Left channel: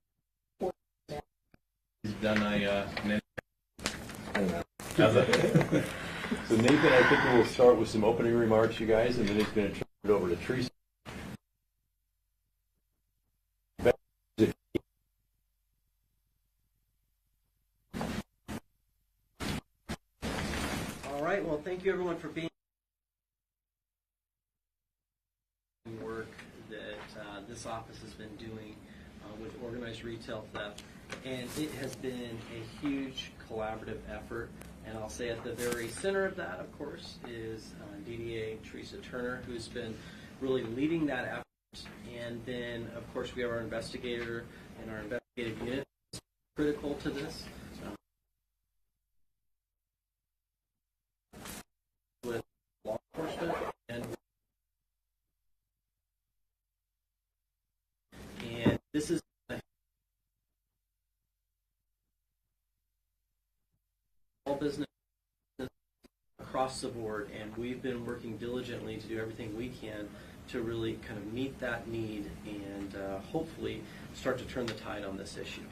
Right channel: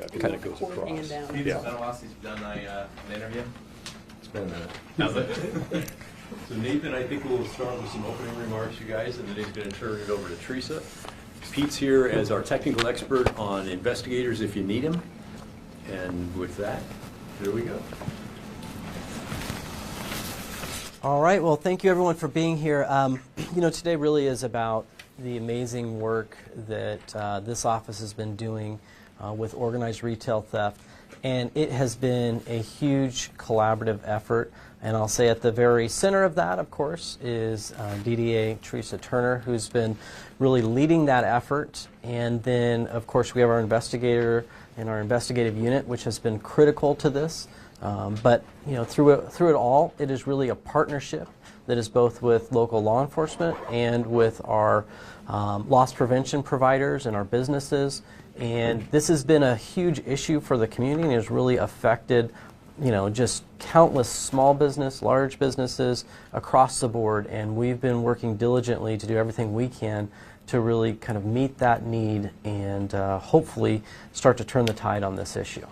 It kind of goes across. Peter's Yeah. been a while since you've done an interview. It's been a How's it? So Nathan, I think we'll start with some opening remarks, you guys, and then he's going to turn it over to Teresa. Pete's here as our technical expert on investigators if you need him. And with that, here we go. All right, well, thank you everyone for being here. You know, today really is about the amazing work that this office has been doing with organized retail theft. And it has been a huge collaborative effort. And I'll say at the very center of that, of course, is DDA Teresa Turner, who's been really leading that effort. And then, of course, we have our investigator and our investigative unit, which has been critical to this. But you know, through it all, it is really a partnership that is both with local law enforcement and with our loss prevention providers and our businesses. And this has been a huge issue for the community and has really affected, you know, just countless small business, large businesses across the board. And we've been working diligently to do everything we can to really kind of meet that need and hopefully start to turn the tide on this issue.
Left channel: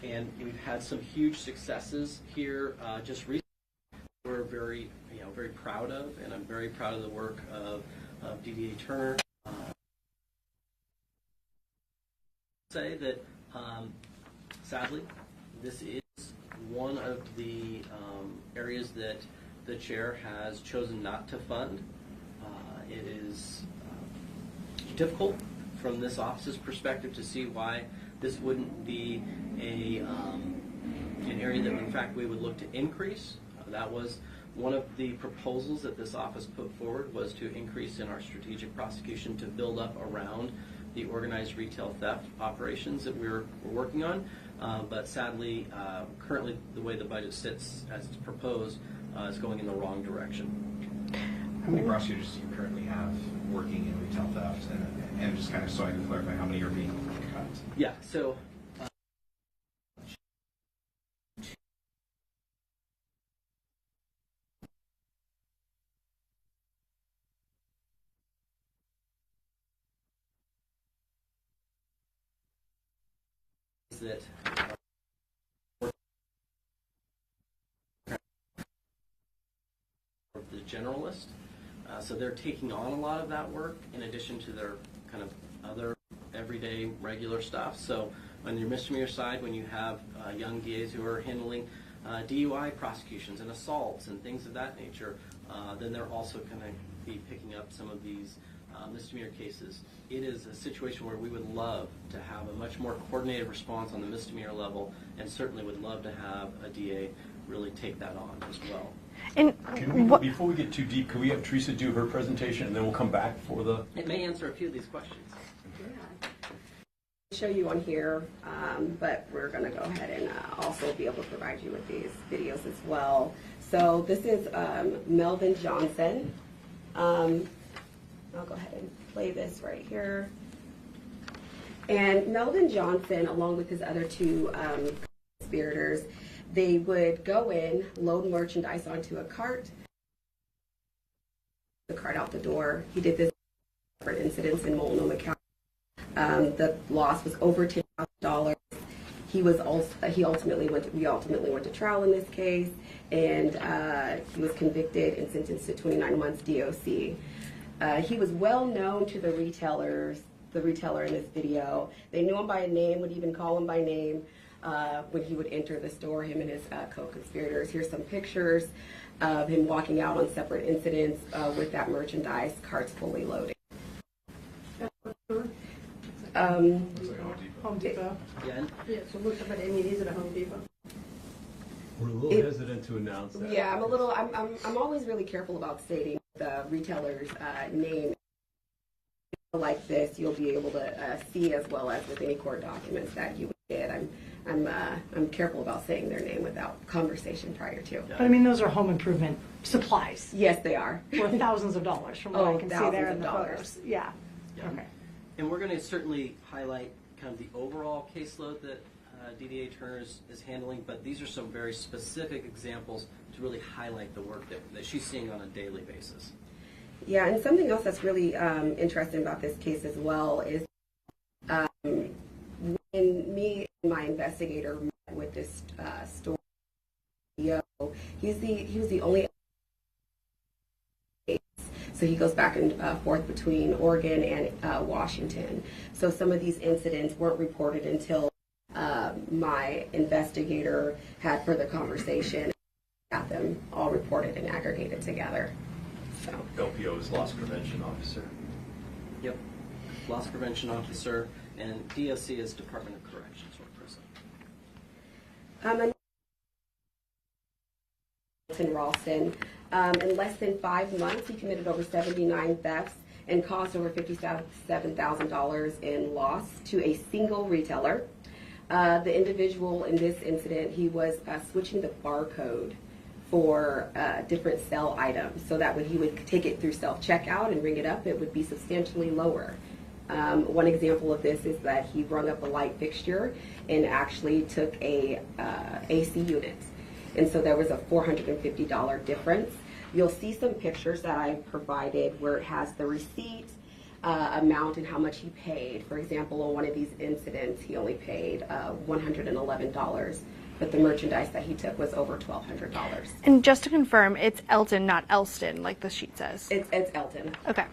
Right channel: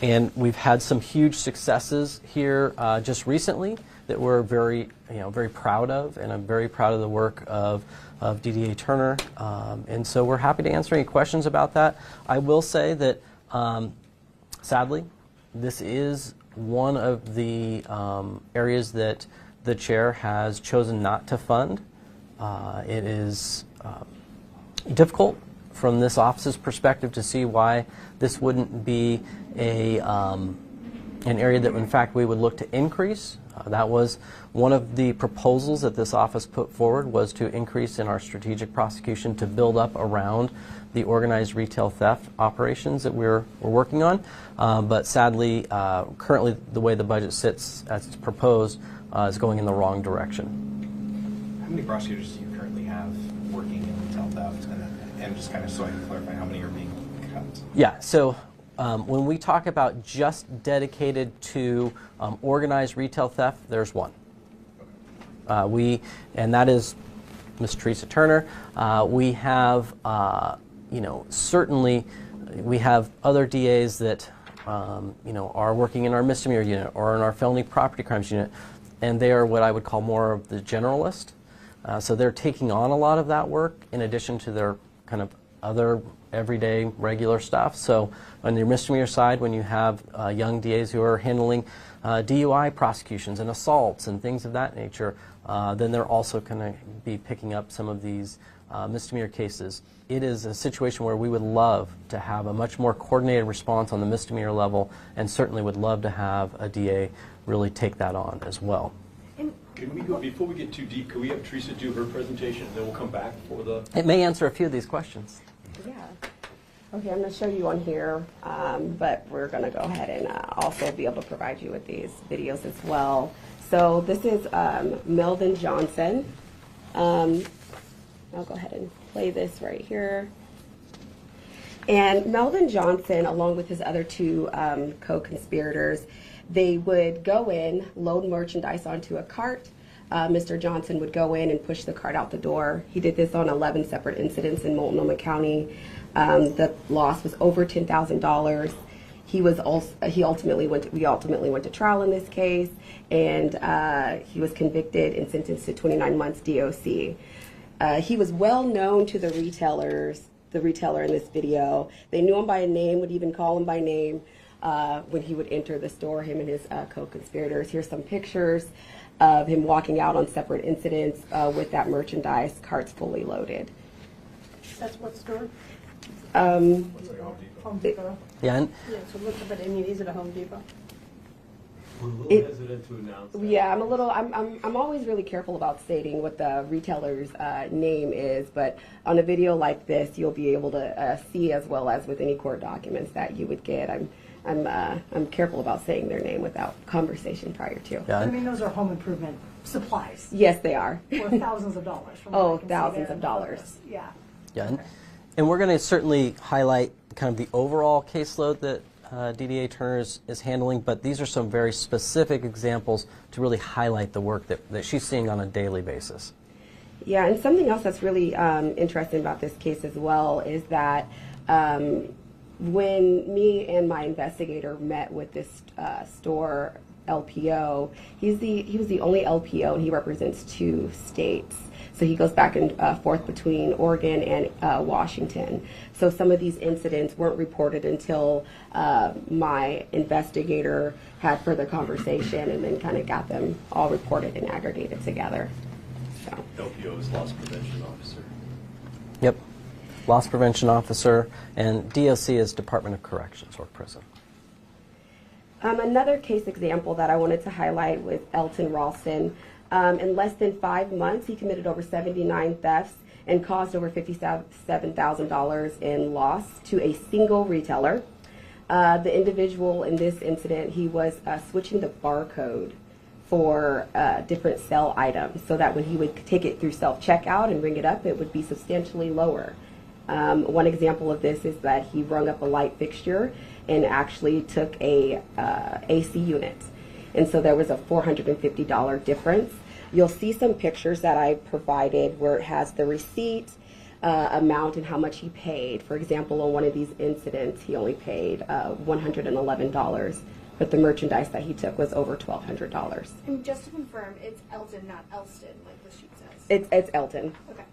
And we've had some huge successes here just recently that we're very proud of, and I'm very proud of the work of DDA Turner. And so we're happy to answer any questions about that. I will say that, sadly, this is one of the areas that the chair has chosen not to fund. It is difficult from this office's perspective to see why this wouldn't be an area that, in fact, we would look to increase. That was one of the proposals that this office put forward, was to increase in our strategic prosecution to build up around the organized retail theft operations that we're working on. But sadly, currently the way the budget sits as it's proposed is going in the wrong direction. How many prosecutors do you currently have working in retail theft? And just kind of so I can clarify, how many are being cut? Yeah, so when we talk about just dedicated to organized retail theft, there's one. And that is Ms. Teresa Turner. We have, you know, certainly we have other DAs that, you know, are working in our misdemeanor unit or in our felony property crimes unit, and they are what I would call more of the generalist. So they're taking on a lot of that work in addition to their kind of other everyday regular stuff. So on your misdemeanor side, when you have young DAs who are handling DUI prosecutions and assaults and things of that nature, then they're also going to be picking up some of these misdemeanor cases. It is a situation where we would love to have a much more coordinated response on the misdemeanor level, and certainly would love to have a DA really take that on as well. And before we get too deep, could we have Teresa do her presentation and then we'll come back for the... It may answer a few of these questions. Yeah. Okay, I'm going to show you on here, but we're going to go ahead and also be able to provide you with these videos as well. So this is Melvin Johnson. I'll go ahead and play this right here. And Melvin Johnson, along with his other two co-conspirators, they would go in, load merchandise onto a cart. Mr. Johnson would go in and push the cart out the door. He did this on 11 separate incidents in Multnomah County. The loss was over $10,000. We ultimately went to trial in this case, and he was convicted and sentenced to 29 months DOC. He was well known to the retailer in this video. They knew him by name, would even call him by name when he would enter the store, him and his co-conspirators. Here's some pictures of him walking out on separate incidents with that merchandise, carts fully loaded. That's what store? Looks like Home Depot. Home Depot. Yeah. Yeah, so look, but I mean, he's at a Home Depot. We're a little hesitant to announce that. Yeah, I'm always really careful about stating what the retailer's name is, but on a video like this, you'll be able to see, as well as with any court documents that you would get. I'm careful about saying their name without conversation prior to. Yeah. I mean, those are home improvement supplies. Yes, they are. For thousands of dollars from what I can see there. Thousands in of the dollars. photos. Yeah. Yeah. Okay. And we're going to certainly highlight kind of the overall caseload that DDA Turner is handling, but these are some very specific examples to really highlight the work that she's seeing on a daily basis. Yeah, and something else that's really interesting about this case as well is that When me and my investigator met with this store LPO, he was the only LPO, and he represents 2 states. So he goes back and forth between Oregon and Washington. So some of these incidents weren't reported until my investigator had further conversation and then kind of got them all reported and aggregated together. So. LPO is Loss Prevention Officer. Yep. Loss Prevention Officer, and DOC is Department of Corrections or Prison. Another case example that I wanted to highlight was Elton Ralston. In less than 5 months, he committed over 79 thefts and caused over $57,000 in loss to a single retailer. The individual in this incident, he was switching the barcode for different sell items so that when he would take it through self-checkout and ring it up, it would be substantially lower. One example of this is that he rung up a light fixture and actually took a AC unit. And so there was a $450 difference. You'll see some pictures that I provided where it has the receipt, amount, and how much he paid. For example, on one of these incidents, he only paid $111, but the merchandise that he took was over $1,200. And just to confirm, it's Elton, not Elston, like the sheet says. It's Elton. Okay.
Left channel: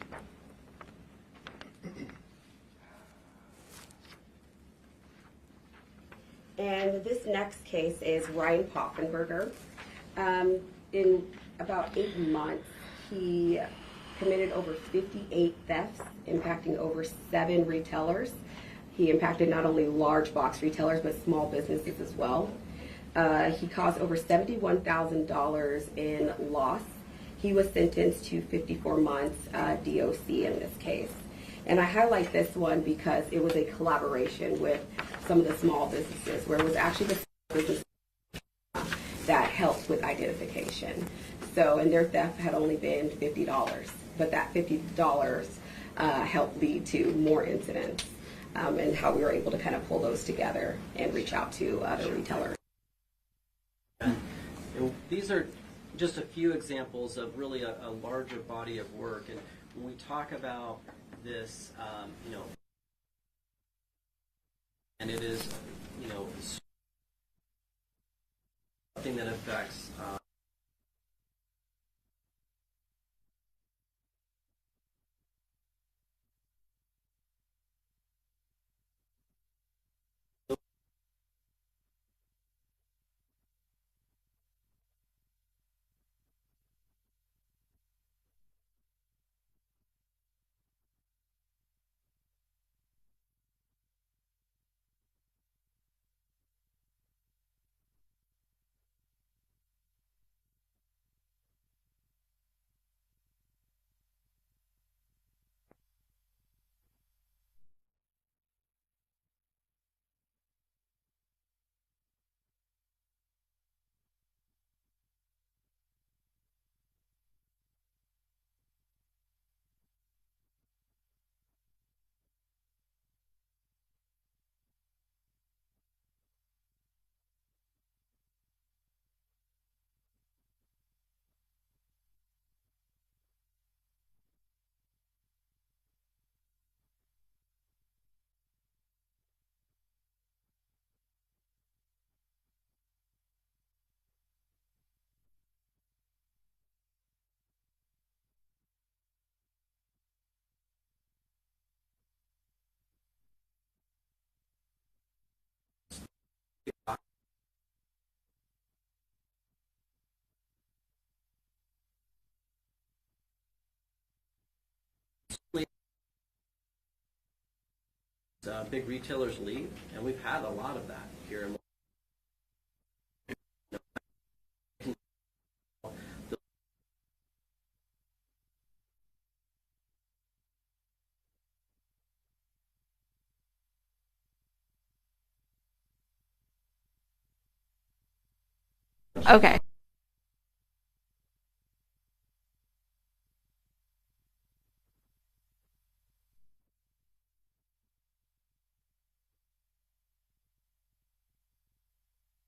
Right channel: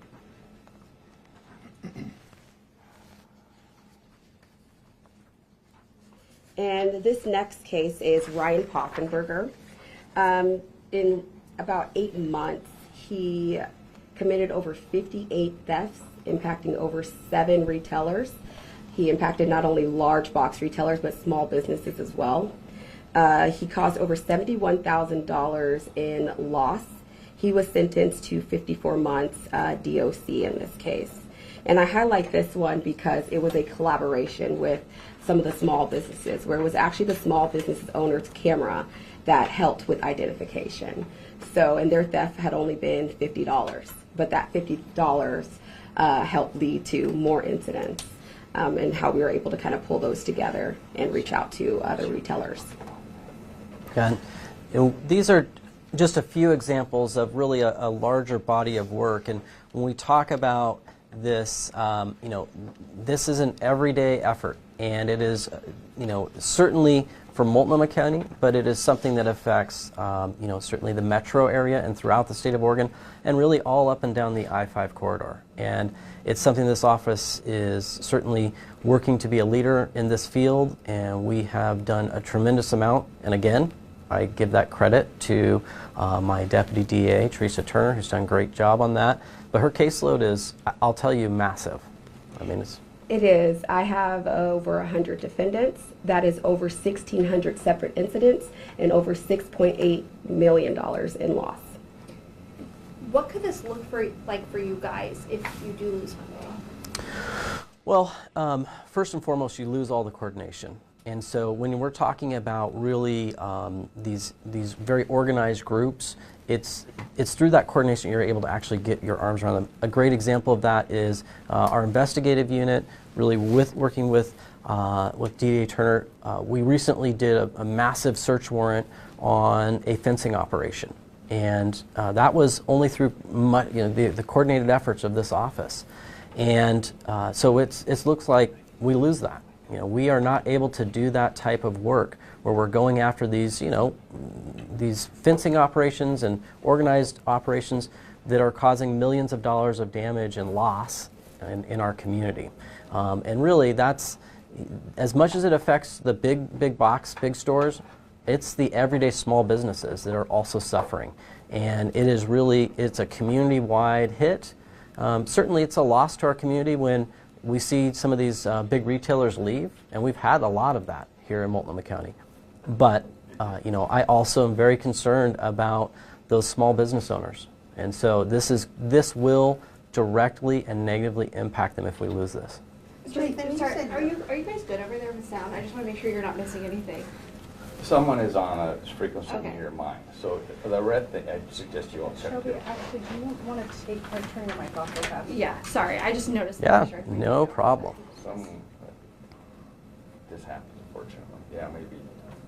And this next case is Ryan Poffenberger. In about 8 months, he committed over 58 thefts, impacting over 7 retailers. He impacted not only large box retailers, but small businesses as well. He caused over $71,000 in loss. He was sentenced to 54 months DOC in this case. And I highlight this one because it was a collaboration with some of the small businesses, where it was actually the small business owner's camera that helped with identification. So, and their theft had only been $50, but that $50 helped lead to more incidents, and how we were able to kind of pull those together and reach out to other retailers. And these are just a few examples of really a larger body of work. And when we talk about this, this is an everyday effort, and it is, certainly for Multnomah County, but it is something that affects, certainly the metro area and throughout the state of Oregon, and really all up and down the I-5 corridor. And it's something this office is certainly working to be a leader in this field, and we have done a tremendous amount. And again, I give that credit to my Deputy DA, Teresa Turner, who's done a great job on that. But her caseload is, I'll tell you, massive. I mean, It is. I have over 100 defendants. That is over 1,600 separate incidents and over $6.8 million in loss. What could this look like for you guys if you do lose funding? Well, first and foremost, you lose all the coordination. And so when we're talking about really these very organized groups, it's through that coordination you're able to actually get your arms around them. A great example of that is our investigative unit, really working with DA Turner. We recently did a massive search warrant on a fencing operation. And that was only through the coordinated efforts of this office. And so it looks like we lose that. We are not able to do that type of work where we're going after these, these fencing operations and organized operations that are causing millions of dollars of damage and loss in our community. And really, that's, as much as it affects the big box, big stores, it's the everyday small businesses that are also suffering. And it is really, it's a community-wide hit. Certainly it's a loss to our community when we see some of these big retailers leave, and we've had a lot of that here in Multnomah County. But, I also am very concerned about those small business owners. And so this will directly and negatively impact them if we lose this. Sorry, are you guys good over there with sound? I just want to make sure you're not missing anything. Someone is on a frequency Okay. in your mind. So the red thing, I suggest you all check Shelby, it. actually, do you want to turn your mic off real fast? Yeah, sorry, I just noticed Yeah, that. Sure. no problem. This happens, unfortunately. Yeah, maybe.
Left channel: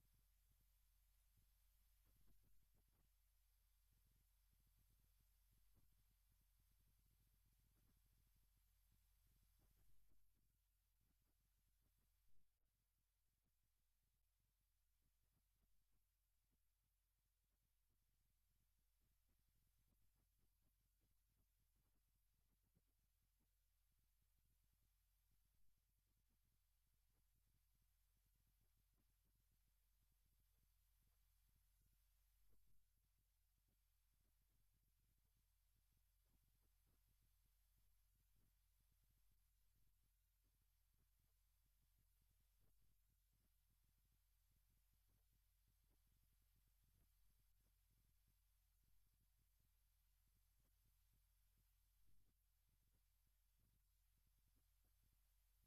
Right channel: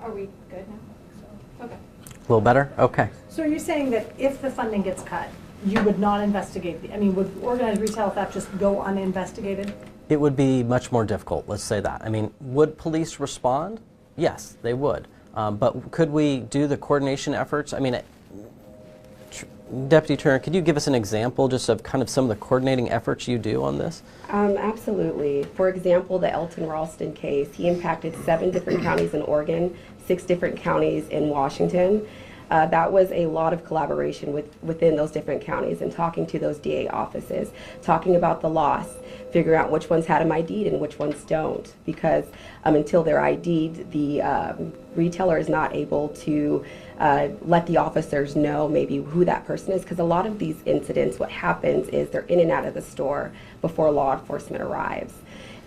Are we good now? Okay. A little better? Okay. So are you saying that if the funding gets cut, you would not investigate would organized retail theft just go uninvestigated? it would be much more difficult, let's say that. I mean, would police respond? Yes, they would. But could we do the coordination efforts? I mean, Deputy Turner, could you give us an example just of kind of some of the coordinating efforts you do on this? Absolutely. For example, the Elton Ralston case, he impacted 7 different counties in Oregon, 6 different counties in Washington. That was a lot of collaboration within those different counties and talking to those DA offices, talking about the loss, figuring out which ones had them ID'd and which ones don't, because until they're ID'd, the retailer is not able to let the officers know maybe who that person is, because a lot of these incidents, what happens is they're in and out of the store before law enforcement arrives.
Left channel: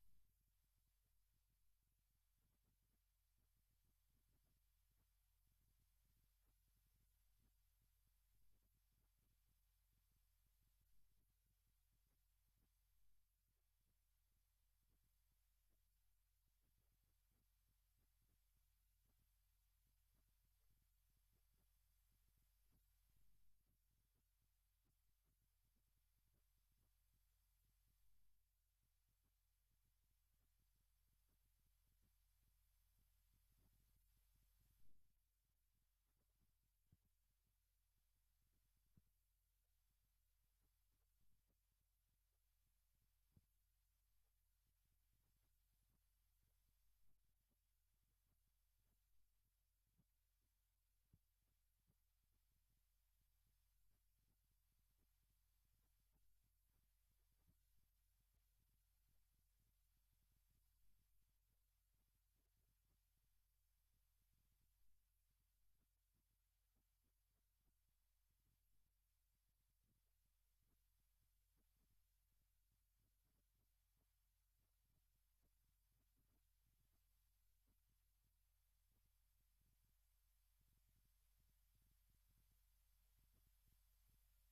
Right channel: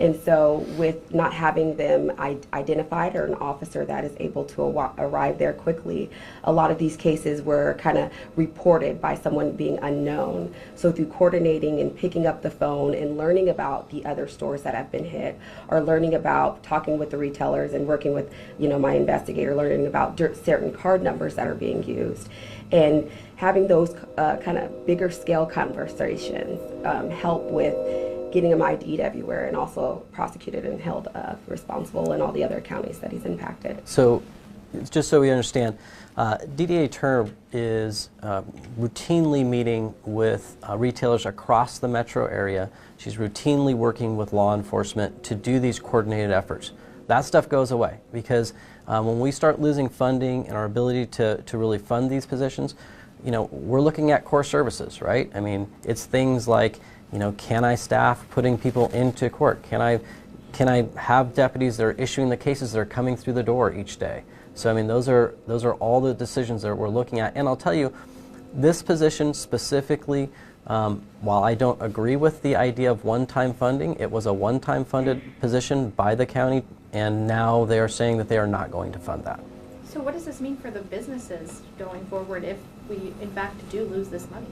And so with not having them identified or an officer that is able to arrive there quickly, a lot of these cases were kind of reported by someone being unknown. So through coordinating and picking up the phone and learning about the other stores that have been hit, or learning about talking with the retailers and working with, my investigator, learning about certain card numbers that are being used, and having those kind of bigger scale conversations help with getting him ID'd everywhere, and also prosecuted and held responsible in all the other counties that he's impacted. So, just so we understand, DDA Turner is routinely meeting with retailers across the metro area. She's routinely working with law enforcement to do these coordinated efforts. That stuff goes away because when we start losing funding and our ability to really fund these positions, we're looking at core services, right? I mean, it's things like, can I staff putting people into court? Can I have deputies that are issuing the cases that are coming through the door each day? So I mean, those are all the decisions that we're looking at. And I'll tell you, this position specifically, while I don't agree with the idea of one-time funding, it was a one-time funded position by the county, and now they are saying that they are not going to fund that. So what does this mean for the businesses going forward if we in fact do lose this money?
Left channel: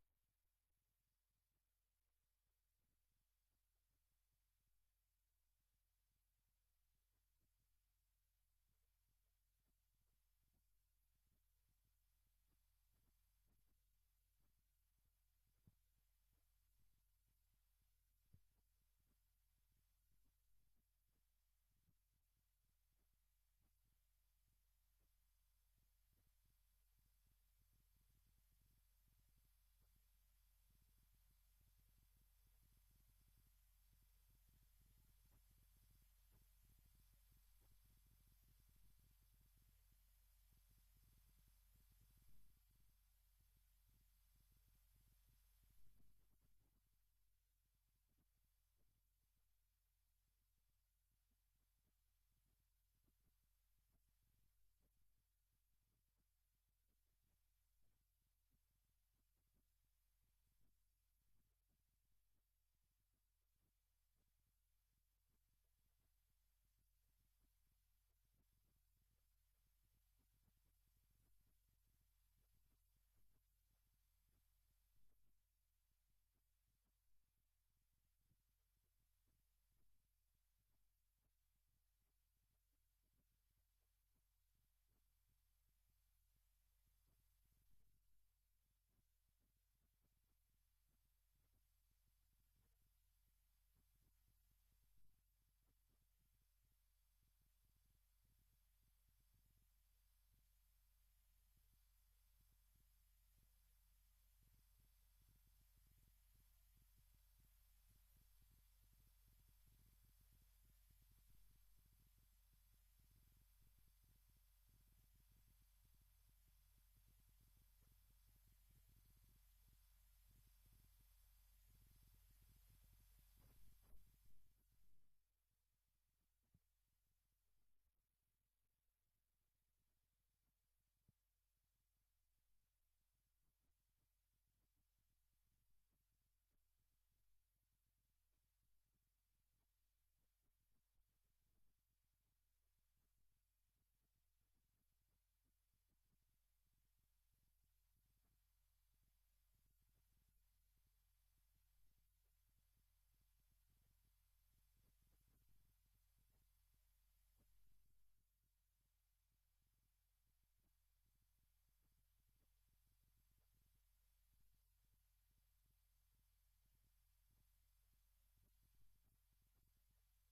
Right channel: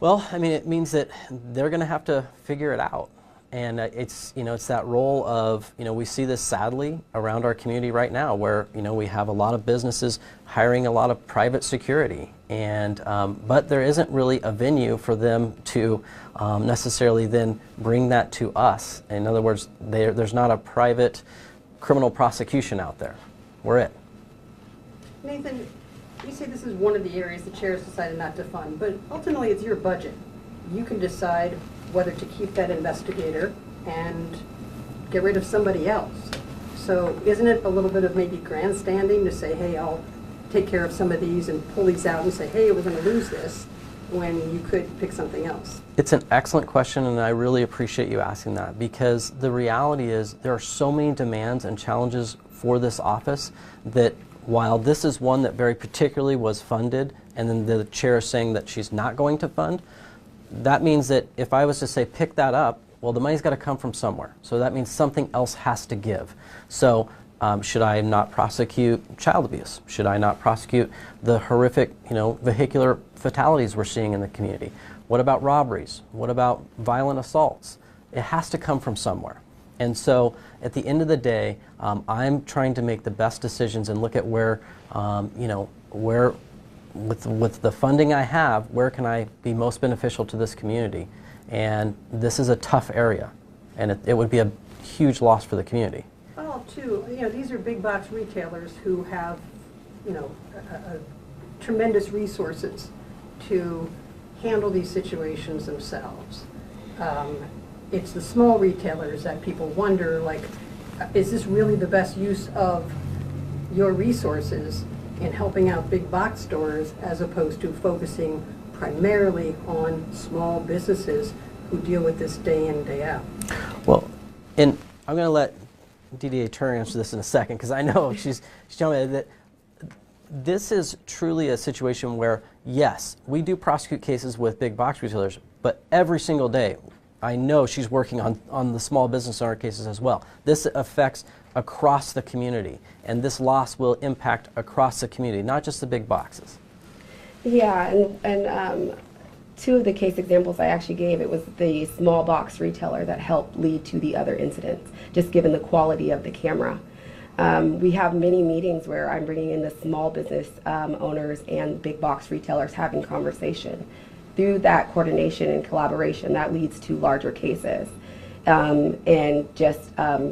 Well, I mean, it means that they're going to have to figure it out. And it's that role of, we see this sadly around our community right now where, we have a lot of businesses hiring a lot of private security. And, but there isn't really a venue for them to necessarily then bring that to us. In other words, there's not a private criminal prosecution out there. We're it. Nathan, you say this is one of the areas the chair has decided not to fund, but ultimately it's your budget. You can decide whether to keep that investigator and get rid of somebody else. So isn't it a little bit of maybe grandstanding to say, hey, I'll take care of some of these and pull these out and say, hey, we're going to lose this, when you could pick something else? It's an excellent question, and I really appreciate you asking that, because the reality is there are so many demands and challenges for this office that while this is one that very particularly was funded, and then the chair is saying that she's not going to fund, that means that if I was to say pick that up, well, the money's got to come from somewhere. So that means something else has to give. So should I not prosecute child abuse? Should I not prosecute the horrific, vehicular fatalities we're seeing in the community? What about robberies? What about violent assaults? It has to come from somewhere. And so at the end of the day, I'm trying to make the best decisions and look at where, where with the funding I have, where can I be most beneficial to this community? And this is a tough area, and it would be a huge loss for the community. Well, too, these are big box retailers who have, tremendous resources to handle these situations themselves. It's the small retailers that people wonder, like, is this really the best use of your resources in helping out big box stores as opposed to focusing primarily on small businesses who deal with this day in, day out? Well, and I'm going to let DDA Turner answer this in a second, because I know she's telling me that this is truly a situation where, yes, we do prosecute cases with big box retailers, but every single day I know she's working on the small business owner cases as well. This affects across the community, and this loss will impact across the community, not just the big boxes. Yeah, and two of the case examples I actually gave, it was the small box retailer that helped lead to the other incidents, just given the quality of the camera. We have many meetings where I'm bringing in the small business owners and big box retailers having conversation. through that coordination and collaboration, that leads to larger cases and just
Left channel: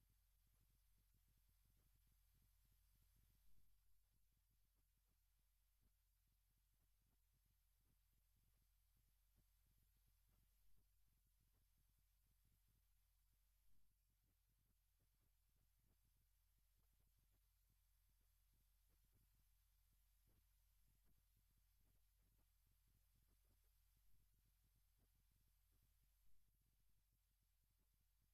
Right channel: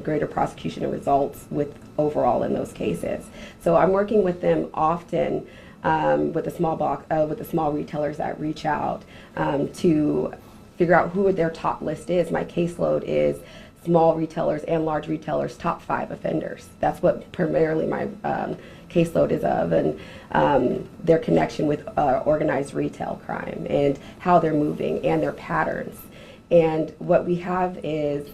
greater prosecution and results with overall in those cases. So I'm working with them often with the small retailers that reach out to figure out who their top list is. My caseload is small retailers and large retailers, top 5 offenders. That's what primarily my caseload is of, and their connection with organized retail crime and how they're moving and their patterns. And what we have is,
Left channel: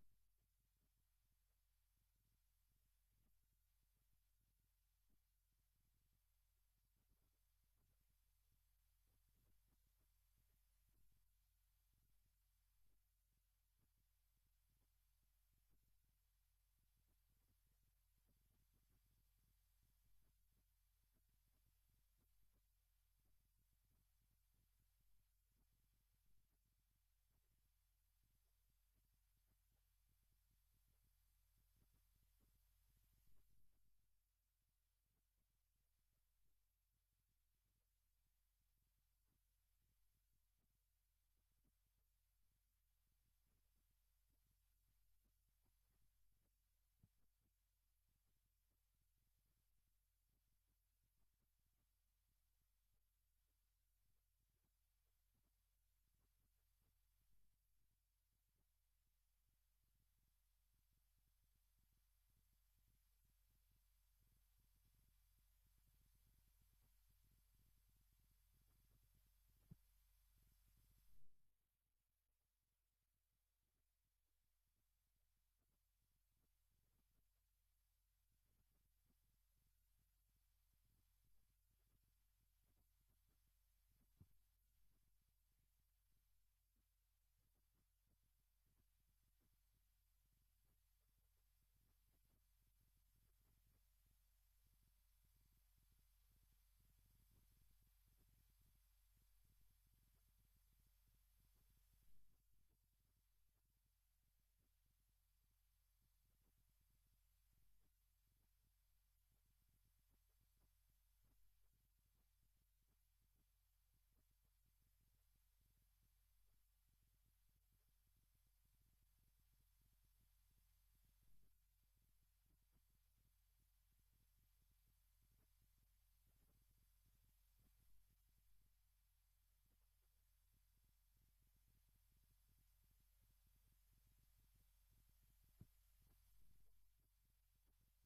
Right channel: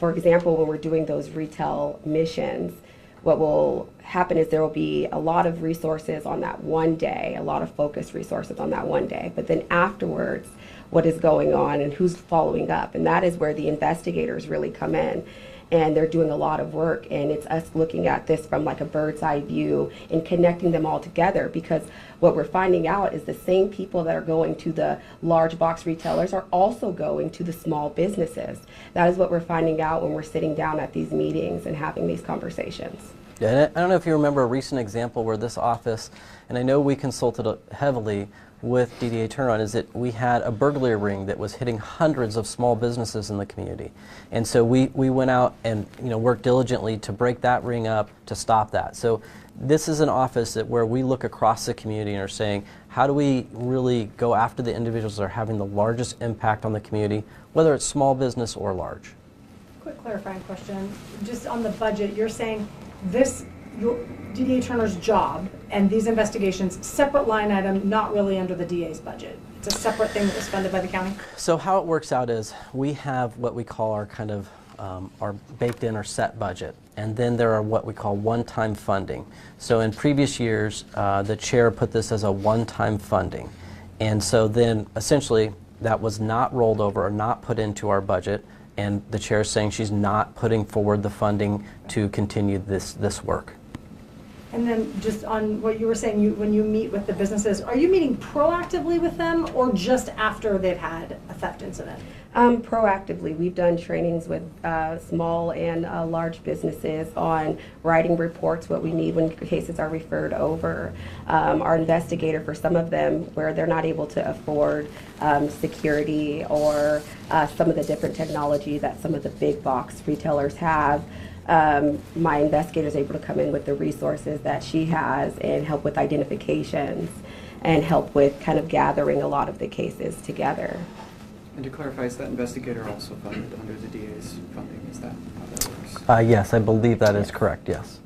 for example, when we're doing those retail missions, what will happen is there will be a lot of resources on that one day, a lot of focused resources on that one day, but then afterwards, what is going on and who's following up. And that is where the investigators really come in. And they're doing a lot of work, and it's us looking at this from like a bird's eye view and connecting them all together, because what we're finding out is the same people that are going to the large box retailers are also going to the small businesses. That is what we're finding out when we're sitting down at these meetings and having these conversations. Yeah, and I don't know if you remember a recent example where this office, and I know we consulted heavily with DDA Turnaround, is that we had a burglary ring that was hitting hundreds of small businesses in the community. And so we went out and worked diligently to break that ring up, to stop that. So this is an office where we look across the community and are saying, how do we really go after the individuals that are having the largest impact on the community, whether it's small business or large? Quick clarifying question, just on the budget, you're saying this, your DDA Turner's job and these investigations, separate line item, not really under the DA's budget. It's a separate thing that was funded by the county? So how it works out is we have what we call our kind of our baked in or set budget, and then there are what we call one-time funding. So in previous years, the chair put this as a one-time funding, and so then essentially that was not rolled over or not put into our budget, and the chair is saying she's not putting forward the funding to continue this work. And then just on what you were saying, when you meet with the businesses, are you meeting proactively with them or just after they've had a theft incident? Proactively, we've done trainings with small and large businesses on writing reports, what we need when cases are referred over. Our investigator, for some of them, where they're not able to afford security or some of the different technology that some of the big box retailers have, my investigator is able to come in with the resources that she has and help with identifications and help with kind of gathering a lot of the cases together. And to clarify, is that investigator also funded under the DA's funding? Is that how that works? Yes, I believe that is correct, yes.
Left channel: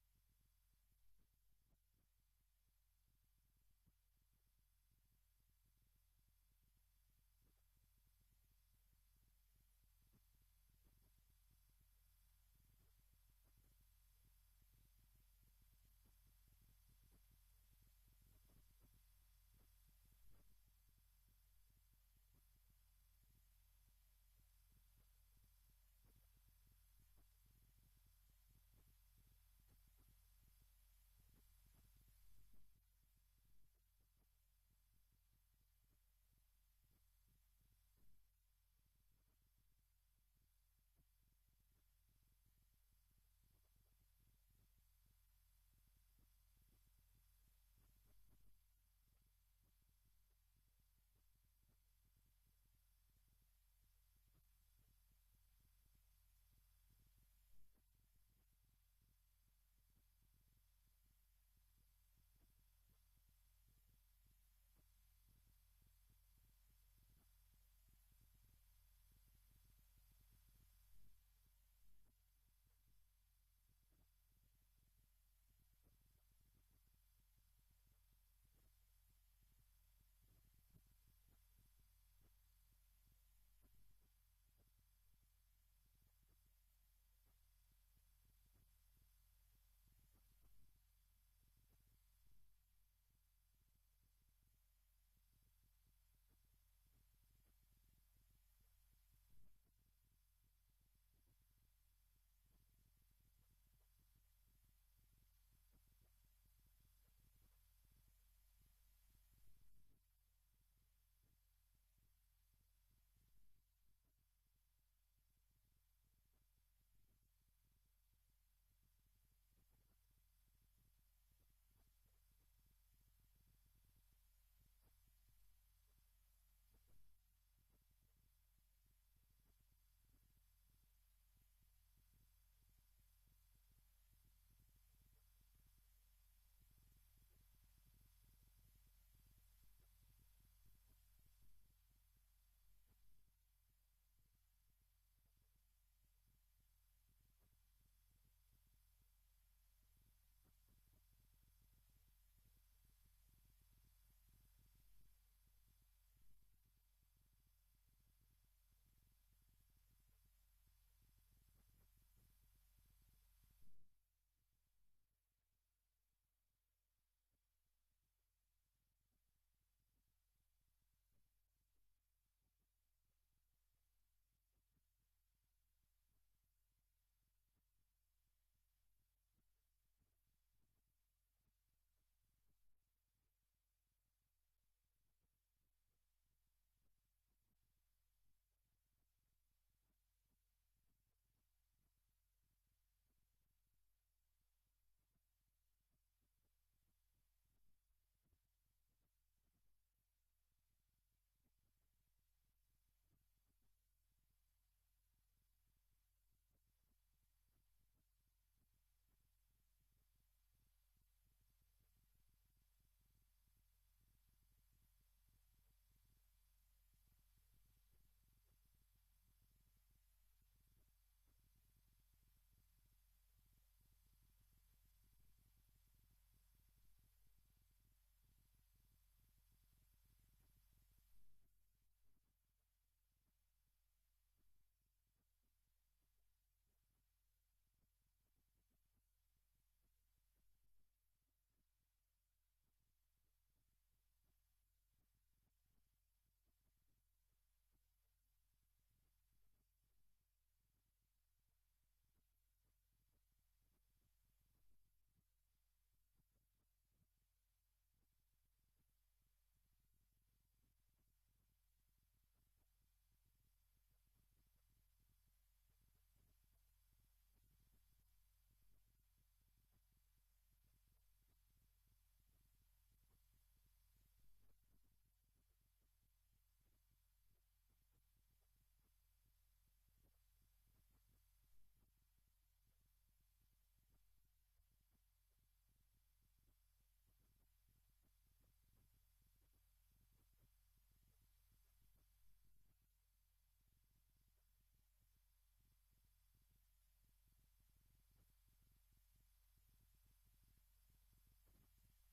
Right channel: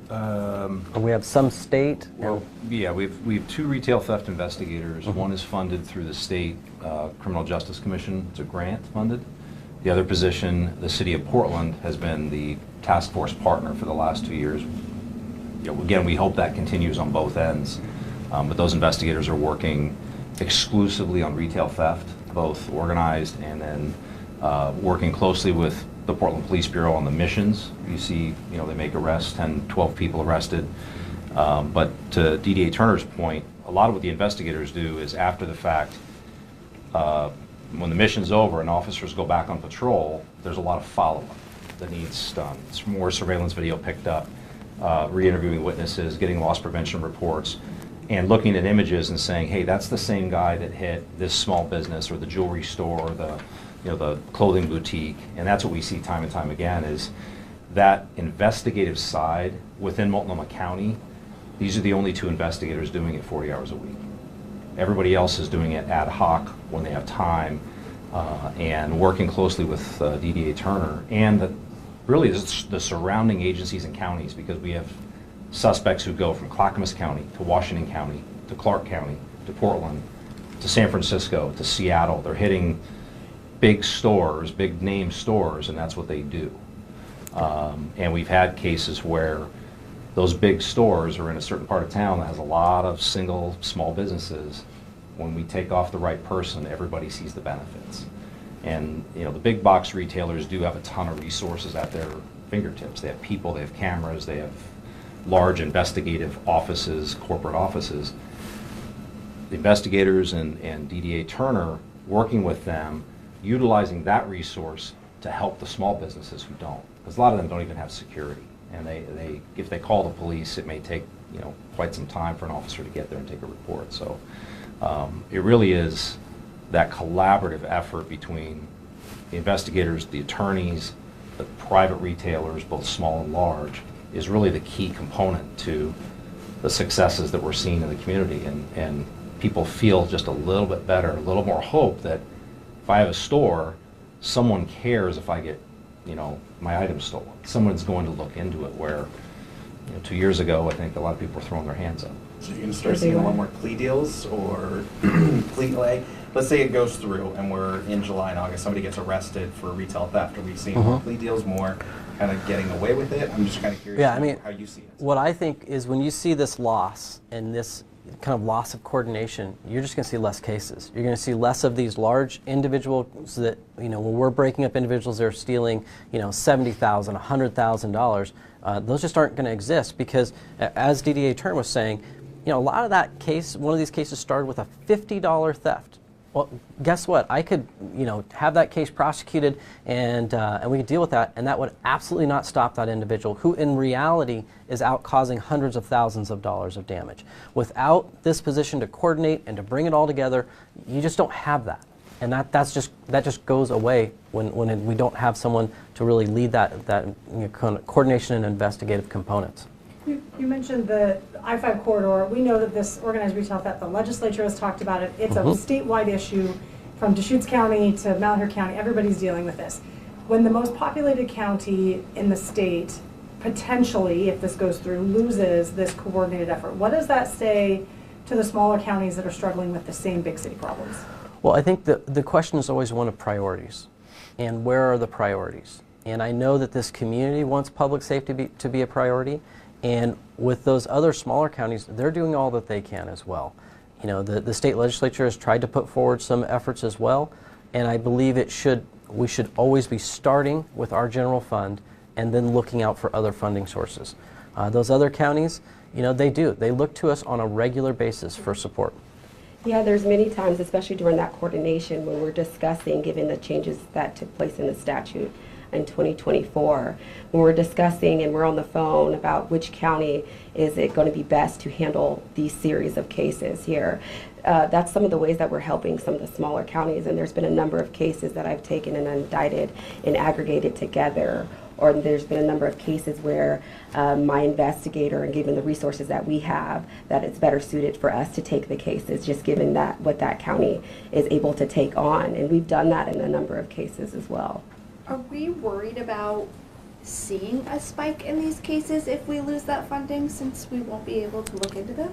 We have some state. Well, yeah, we have 2 retail theft investigators. One is funded through the state Criminal Justice Commission. It's a grant funded. The other position, the city of Portland, has been the task force partner for the last 2 years. Again, we hope that continues on both ends, but those investigators are working exclusively on retail theft, both organized and then working closely with the Portland Police Bureau on the missions. You see, they make arrests, 10, 12 people arrested. But to DDA Turner's point, a lot of what the investigators do is after the fact, when the mission's over and officers go back on patrol, there's a lot of follow-up that needs done. It's more surveillance video picked up, re-interviewing witnesses, getting loss prevention reports, and looking at images and saying, hey, that's the same guy that hit this small business or the jewelry store or the clothing boutique. And that's what we see time and time again, is that investigative side within Multnomah County. These are the only 2 investigators doing it 40 hours a week. Everybody else is doing it ad hoc when they have time, and working closely with DDA Turner and really the surrounding agencies and counties, because we have suspects who go from Clackamas County to Washington County to Clark County to Portland to San Francisco to Seattle. They're hitting big stores, big name stores, and that's what they do. And we've had cases where those big stores are in a certain part of town that has a lot of single small businesses. When we take off the right person, everybody sees the benefits. And the big box retailers do have a ton of resources at their fingertips. They have people, they have cameras, they have large investigative offices, corporate offices. The investigators and DDA Turner, working with them, utilizing that resource to help the small businesses who don't. Because a lot of them don't even have security. And if they call the police, it may take quite some time for an officer to get there and take a report. So it really is that collaborative effort between the investigators, the attorneys, the private retailers, both small and large, is really the key component to the successes that we're seeing in the community. And people feel just a little bit better, a little more hope that if I have a store, someone cares if I get, my items stolen. Someone's going to look into it, where 2 years ago, I think a lot of people were throwing their hands up. So you're going to start seeing a lot more plea deals or let's say it goes through and we're in July and August, somebody gets arrested for retail theft. Are we seeing more plea deals, more kind of getting away with it? I'm just kind of curious how you see it. What I think is when you see this loss and this kind of loss of coordination, you're just going to see less cases. You're going to see less of these large individuals that, when we're breaking up individuals that are stealing, $70,000, $100,000, those just aren't going to exist because, as DDA Turner was saying, a lot of that case, one of these cases started with a $50 theft. Well, guess what? I could, have that case prosecuted and we could deal with that, and that would absolutely not stop that individual who in reality is out causing hundreds of thousands of dollars of damage. Without this position to coordinate and to bring it all together, you just don't have that. And that just goes away when we don't have someone to really lead that kind of coordination and investigative components. You mentioned the I-5 corridor. We know that this organized retail theft, the legislature has talked about it. It's a statewide issue from Deschutes County to Malheur County. Everybody's dealing with this. When the most populated county in the state, potentially, if this goes through, loses this coordinated effort, what does that say to the smaller counties that are struggling with the same big city problems? Well, I think the question is always one of priorities. And where are the priorities? And I know that this community wants public safety to be a priority. And with those other smaller counties, they're doing all that they can as well. The state legislature has tried to put forward some efforts as well, and I believe we should always be starting with our general fund and then looking out for other funding sources. Those other counties, they look to us on a regular basis for support. Yeah, there's many times, especially during that coordination, when we're discussing, given the changes that took place in the statute in 2024, when we're discussing and we're on the phone about which county is it going to be best to handle these series of cases here. That's some of the ways that we're helping some of the smaller counties, and there's been a number of cases that I've taken and indicted and aggregated together, or there's been a number of cases where my investigator, and given the resources that we have, that it's better suited for us to take the cases, just given that what that county is able to take on, and we've done that in a number of cases as well. Are we worried about seeing a spike in these cases if we lose that funding, since we won't be able to look into them?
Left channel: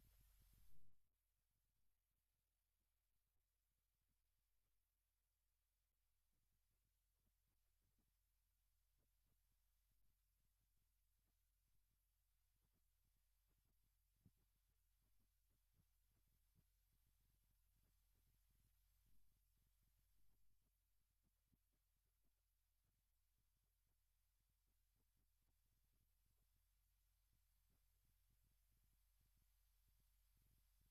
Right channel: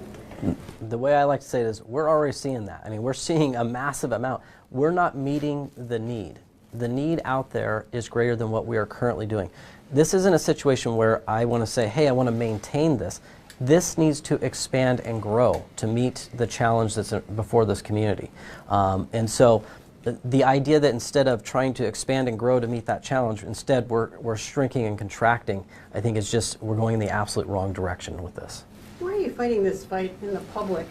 The way I like to say it is we're already seeing that. I mean, we're seeing a massive amount. We're not meeting the need. The need out there is greater than what we are currently doing. This isn't a situation where I want to say, hey, I want to maintain this. This needs to expand and grow to meet the challenge that's before this community. And so the idea that instead of trying to expand and grow to meet that challenge, instead we're shrinking and contracting, I think it's just, we're going in the absolute wrong direction with this. Why are you fighting this fight in the public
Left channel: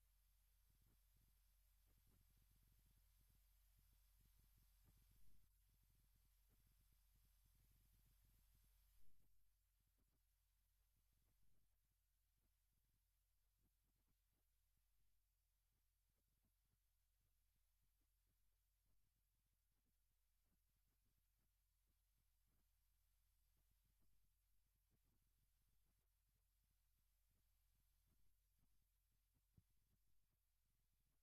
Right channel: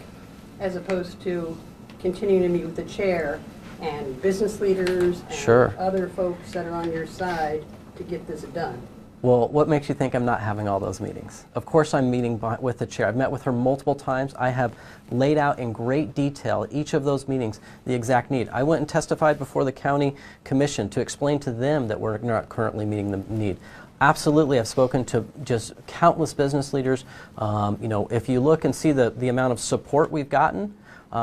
as opposed to continuing to meet with the chair and business leaders and other folks that are on your side to get this done? Well, what makes you think I'm not having all those meetings? Of course I'm meeting with the chair. I've met with her multiple times. I have laid out in great detail at each of those meetings the exact need. I went and testified before the county commission to explain to them that we're not currently meeting the need. Absolutely, I've spoken to just countless business leaders. If you look and see the amount of support we've gotten,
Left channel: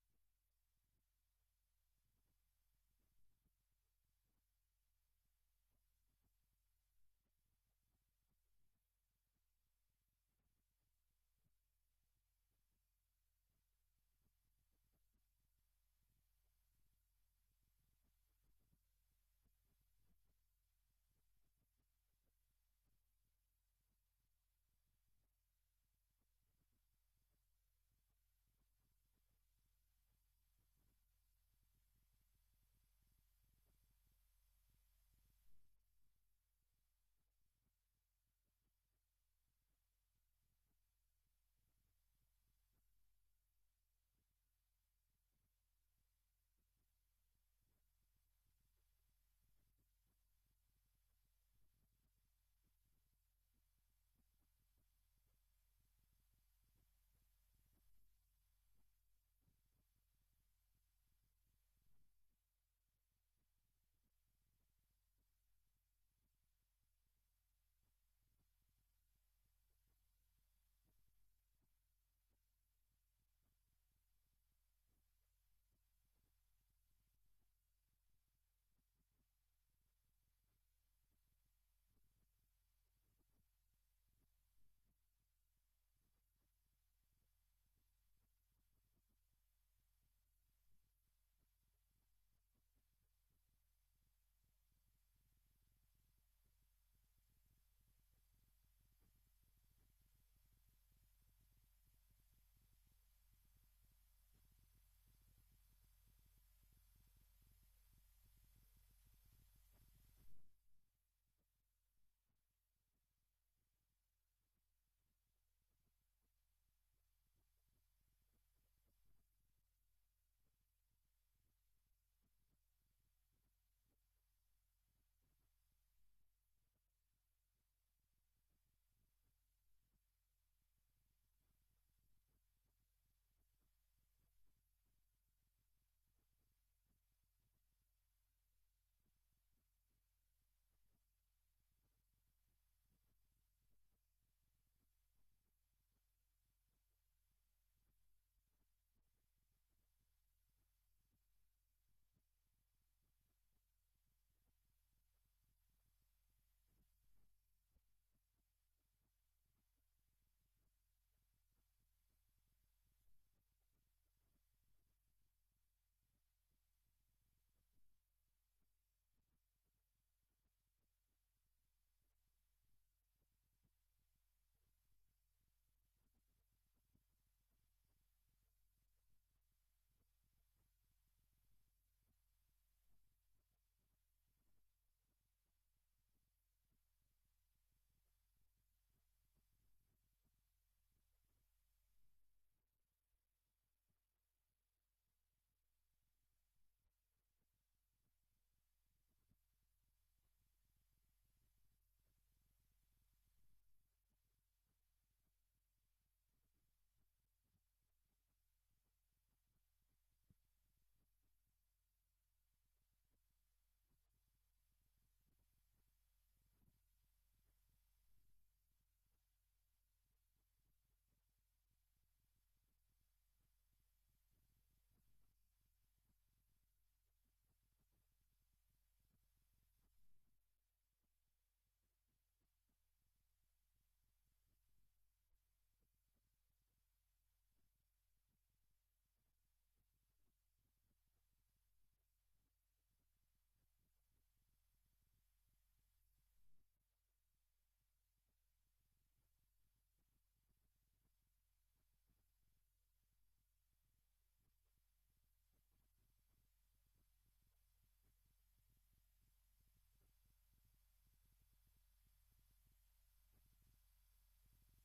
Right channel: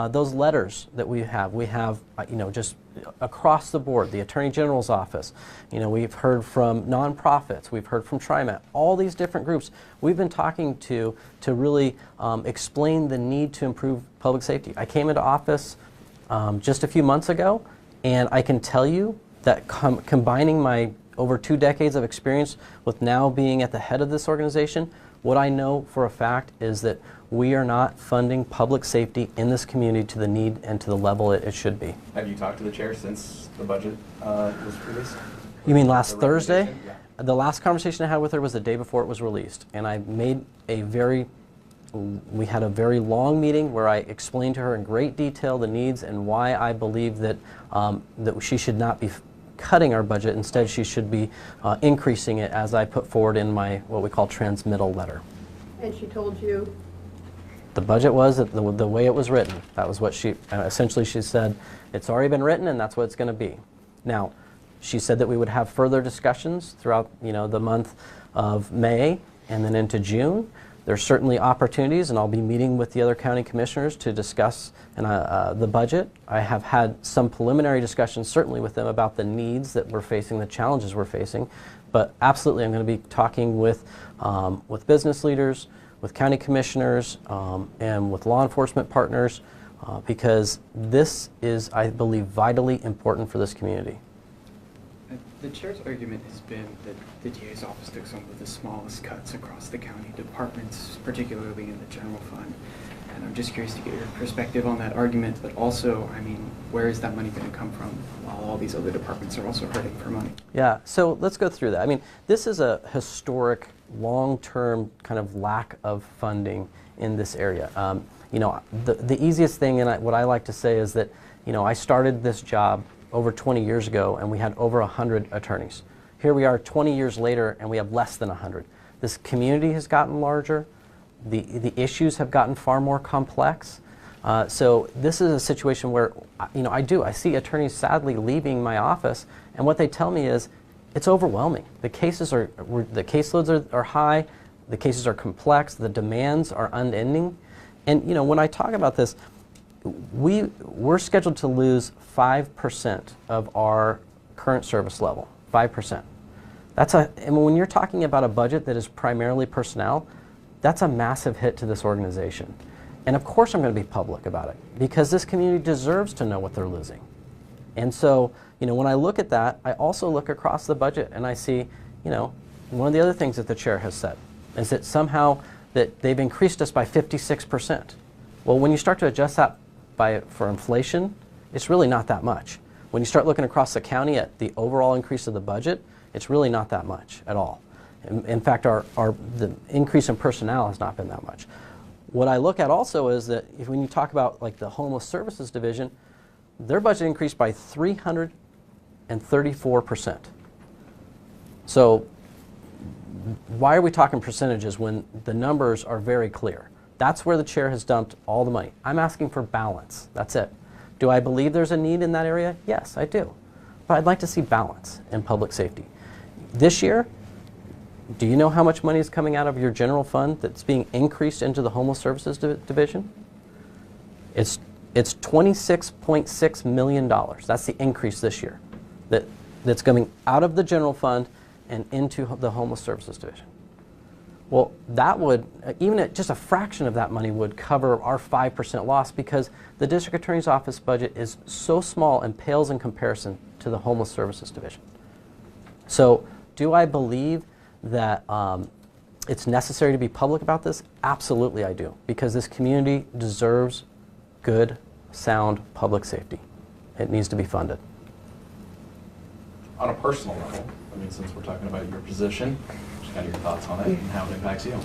those letters that we have, just across the board, the Attorney General's office, we've heard from nonprofits, we've heard from TriMet, all these different groups we've been talking to really explain the need to improve public safety. I came into office just a few months ago, and I can tell you that combining my over 2 decades of experience with now being at the head of this organization, what I know for a fact is that we are not funding public safety in this community to the need and to the level it should be. Have you talked to the chair since the budget was released? You mean last Thursday? Yeah. The last conversation I had with her was the day before it was released, and we had a very long meeting where I explained to her in great detail the needs and why I believe that she should not be cutting our budget. Instead, she should be increasing it, as I put forward in my what we call transmittal letter. And she told you? The budget was the way it was written. That was what she essentially she said. It's already been written, and that's what it's going to be. Now, she said that we would have further discussions throughout, the month of May and then into June. There's certainly opportunities, and I'll be meeting with the other county commissioners to discuss the budget. I have had some preliminary discussions, certainly with them, about the needs that we're facing, the challenges we're facing. But absolutely, I'm going to be talking with business leaders, with county commissioners, and with law enforcement partners, because this is, I believe, vitally important for this community. The chair's argument has been that the DA's office took some of the smallest cuts across the county departments, particularly in the general fund. And I'm just curious to get your perspective on that argument, but also, I mean, where is that money going to come from while all these other departments are also hurting for money? Yeah, so let's go through that. I mean, this is a historic, long-term kind of lack of funding in this area. The easiest thing, and what I like to say is that, I started this job over 20 years ago, and we had over 100 attorneys. Here we are 20 years later, and we have less than 100. This community has gotten larger. The issues have gotten far more complex. So this is a situation where, I see attorneys sadly leaving my office, and what they tell me is, it's overwhelming. The caseloads are high, the cases are complex, the demands are unending. And when I talk about this, we're scheduled to lose 5% of our current service level, 5%. And when you're talking about a budget that is primarily personnel, that's a massive hit to this organization. And of course I'm going to be public about it, because this community deserves to know what they're losing. And so, when I look at that, I also look across the budget and I see, one of the other things that the chair has said is that somehow that they've increased us by 56%. Well, when you start to adjust that for inflation, it's really not that much. When you start looking across the county at the overall increase of the budget, it's really not that much at all. In fact, the increase in personnel has not been that much. What I look at also is that when you talk about like the Homeless Services Division, their budget increased by 334%. So why are we talking percentages when the numbers are very clear? That's where the chair has dumped all the money. I'm asking for balance. That's it. Do I believe there's a need in that area? Yes, I do. But I'd like to see balance in public safety. This year, do you know how much money is coming out of your general fund that's being increased into the Homeless Services Division? It's $26.6 million. That's the increase this year that's coming out of the general fund and into the Homeless Services Division. Well, that would, even at just a fraction of that money would cover our 5% loss, because the District Attorney's Office budget is so small and pales in comparison to the Homeless Services Division. So do I believe that it's necessary to be public about this? Absolutely I do, because this community deserves good, sound public safety. It needs to be funded. On a personal level, since we're talking about your position, just kind of your thoughts on it and how it impacts you.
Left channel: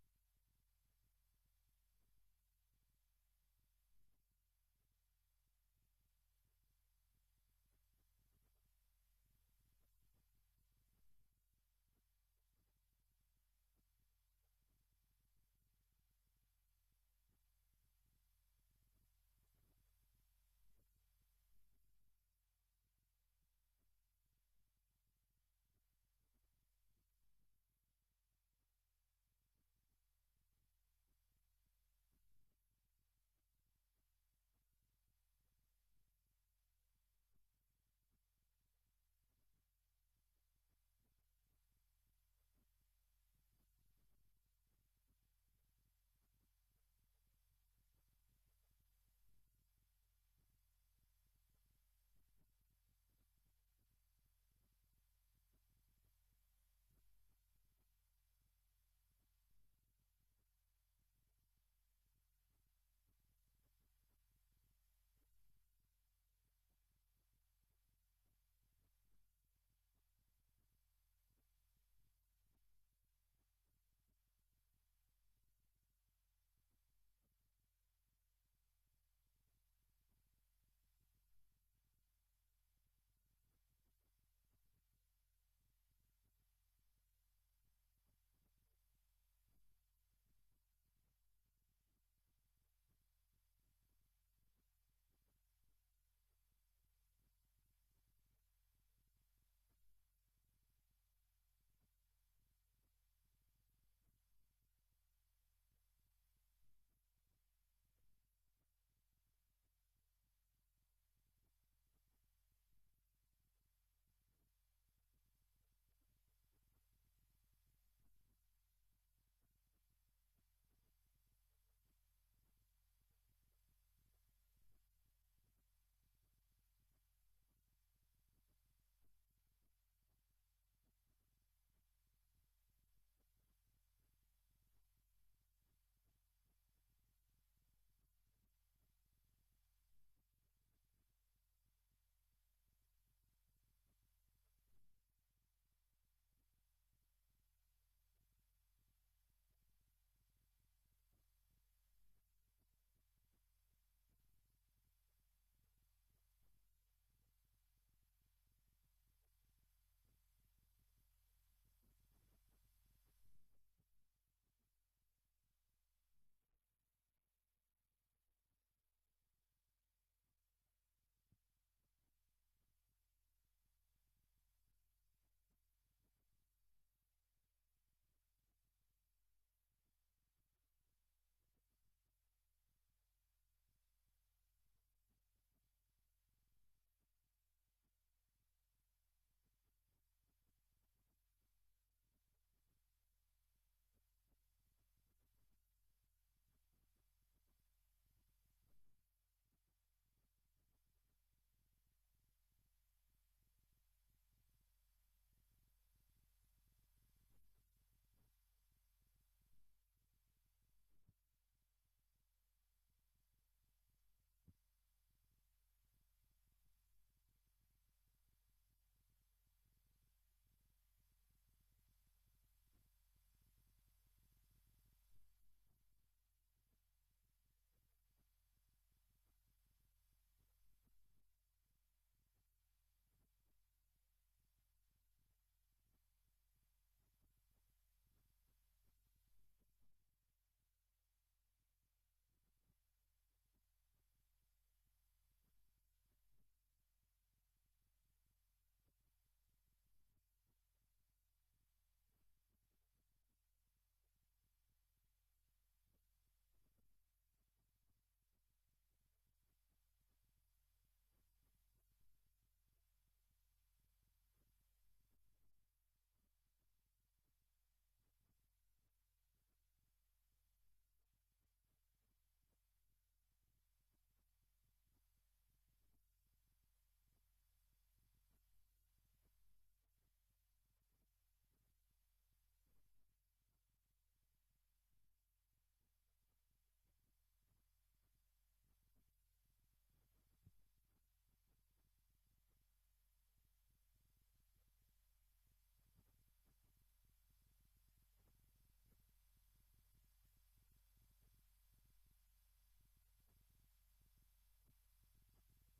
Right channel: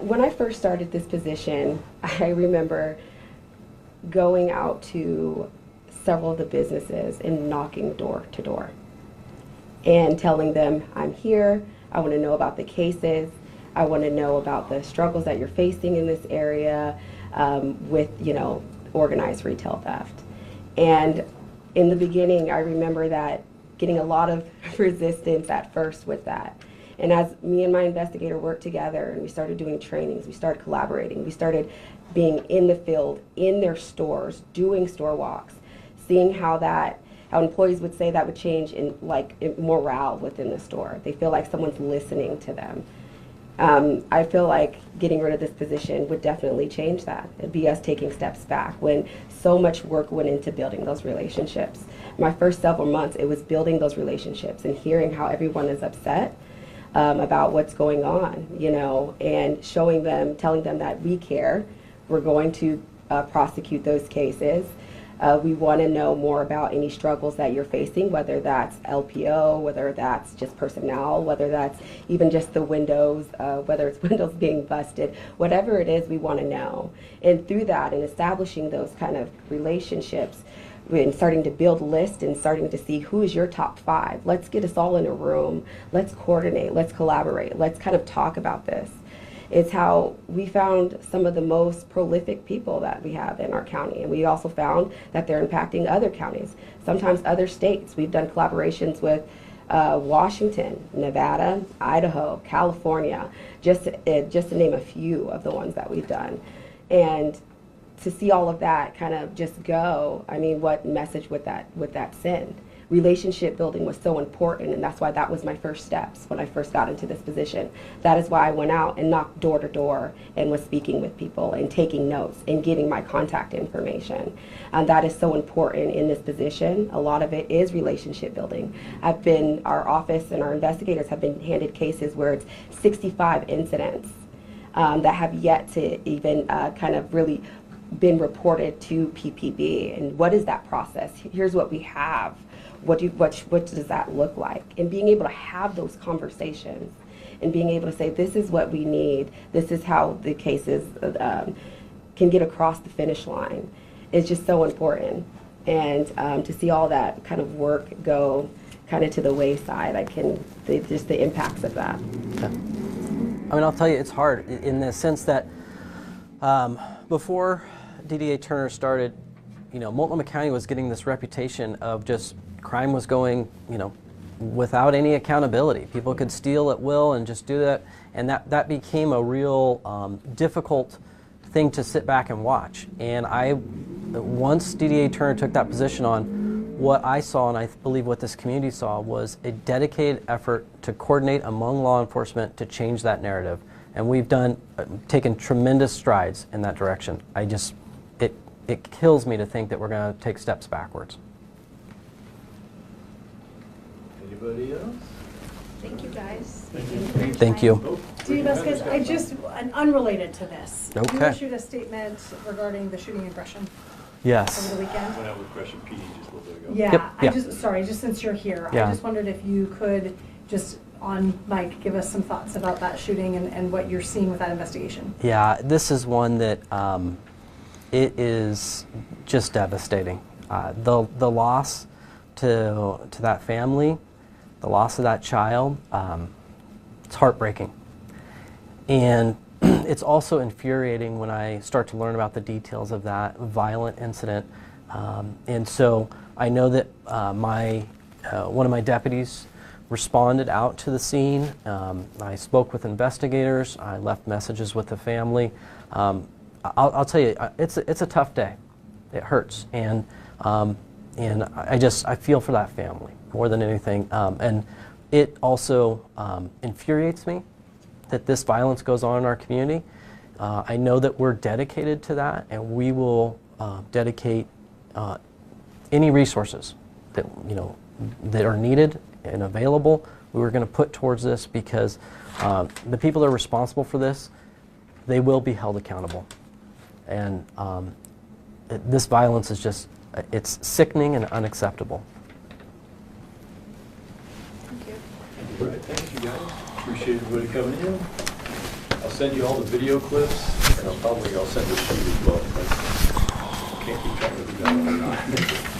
When I first started this position, I remember going out to several of the businesses and knocking door to door and telling them, I'm here, I want to know about the cases, I want to know about the struggles that you're facing in this area with, organized retail theft. And in the beginning, I remember that getting a lot of resistance at first with that. And as me and my investigator worked together and we started doing trainings, we started collaborating, we started being in the field, in their stores, doing store walks, seeing how employees would say that would change in morale within the store. They feel like someone's listening to them. I feel like getting rid of this position would definitely change that. It'd be us taking steps back when so much work went into building those relationships. My first several months, it was building those relationships and hearing how everyone is upset about what's going on, and showing them, telling them that we care. We're going to prosecute those cases. We want to know more about any struggles that you're facing, whether that's LPO, whether that's just personnel, whether that's even just the windows, whether it's windows being busted, whatever it is, we want to know. And through that and establishing those kind of relationships and starting to build lists and starting to see who is your top 5. Let's get us all in a room. Let's coordinate. Let's collaborate. Let's kind of talk about this. It's how we found some of the most prolific people that we have in our county. And we also found that they're impacting other counties, sometimes other states. We've done collaborations with Washington, Nevada, Idaho, California, just to name a few of the ones that we've done. And to see all of that kind of just go, I mean, what message would that send? Relationship building was so important, and that's why that was my first steps when I first got into this position. That is why I went out and knocked door to door and was speaking with people and taking notes and getting my contact information. And that is so important in this position. A lot of it is relationship building. Our office and our investigators have been handed cases where it's 65 incidents that have yet to even kind of really been reported to PPB. And what is that process? Here's what we have. What does that look like? And being able to have those conversations and being able to say, this is what we need, this is how the cases can get across the finish line is just so important. And to see all that kind of work go kind of to the wayside, just the impacts of that. Yeah. I mean, I'll tell you, it's hard in the sense that before DDA Turner started, Multnomah County was getting this reputation of just crime was going, without any accountability. People could steal at will and just do that, and that became a real difficult thing to sit back and watch. And once DDA Turner took that position on, what I saw, and I believe what this community saw, was a dedicated effort to coordinate among law enforcement to change that narrative. And we've taken tremendous strides in that direction. It kills me to think that we're going to take steps backwards. Anybody else? Thank you, guys. Thank you. Steve Vasquez, unrelated to this. Okay. You issued a statement regarding the shooting in Gresham Yes. over the weekend. Went out with Gresham PD just a little bit ago. Yeah, Yep, just since you're here, Yeah. I just wondered if you could just on mic give us some thoughts about that shooting and what you're seeing with that investigation. Yeah, this is one that it is just devastating. The loss to that family, the loss of that child, it's heartbreaking. And it's also infuriating when I start to learn about the details of that violent incident. And so I know that one of my deputies responded out to the scene. I spoke with investigators. I left messages with the family. I'll tell you, it's a tough day. It hurts, and I feel for that family more than anything. And it also infuriates me that this violence goes on in our community. I know that we're dedicated to that, and we will dedicate any resources that that are needed and available. We were going to put towards this because the people that are responsible for this, they will be held accountable. And this violence is it's sickening and unacceptable. Thank you. All right, thank you guys. Appreciate everybody coming in. I'll send you all the video clips, and I'll send the sheet as well. Can't keep track of the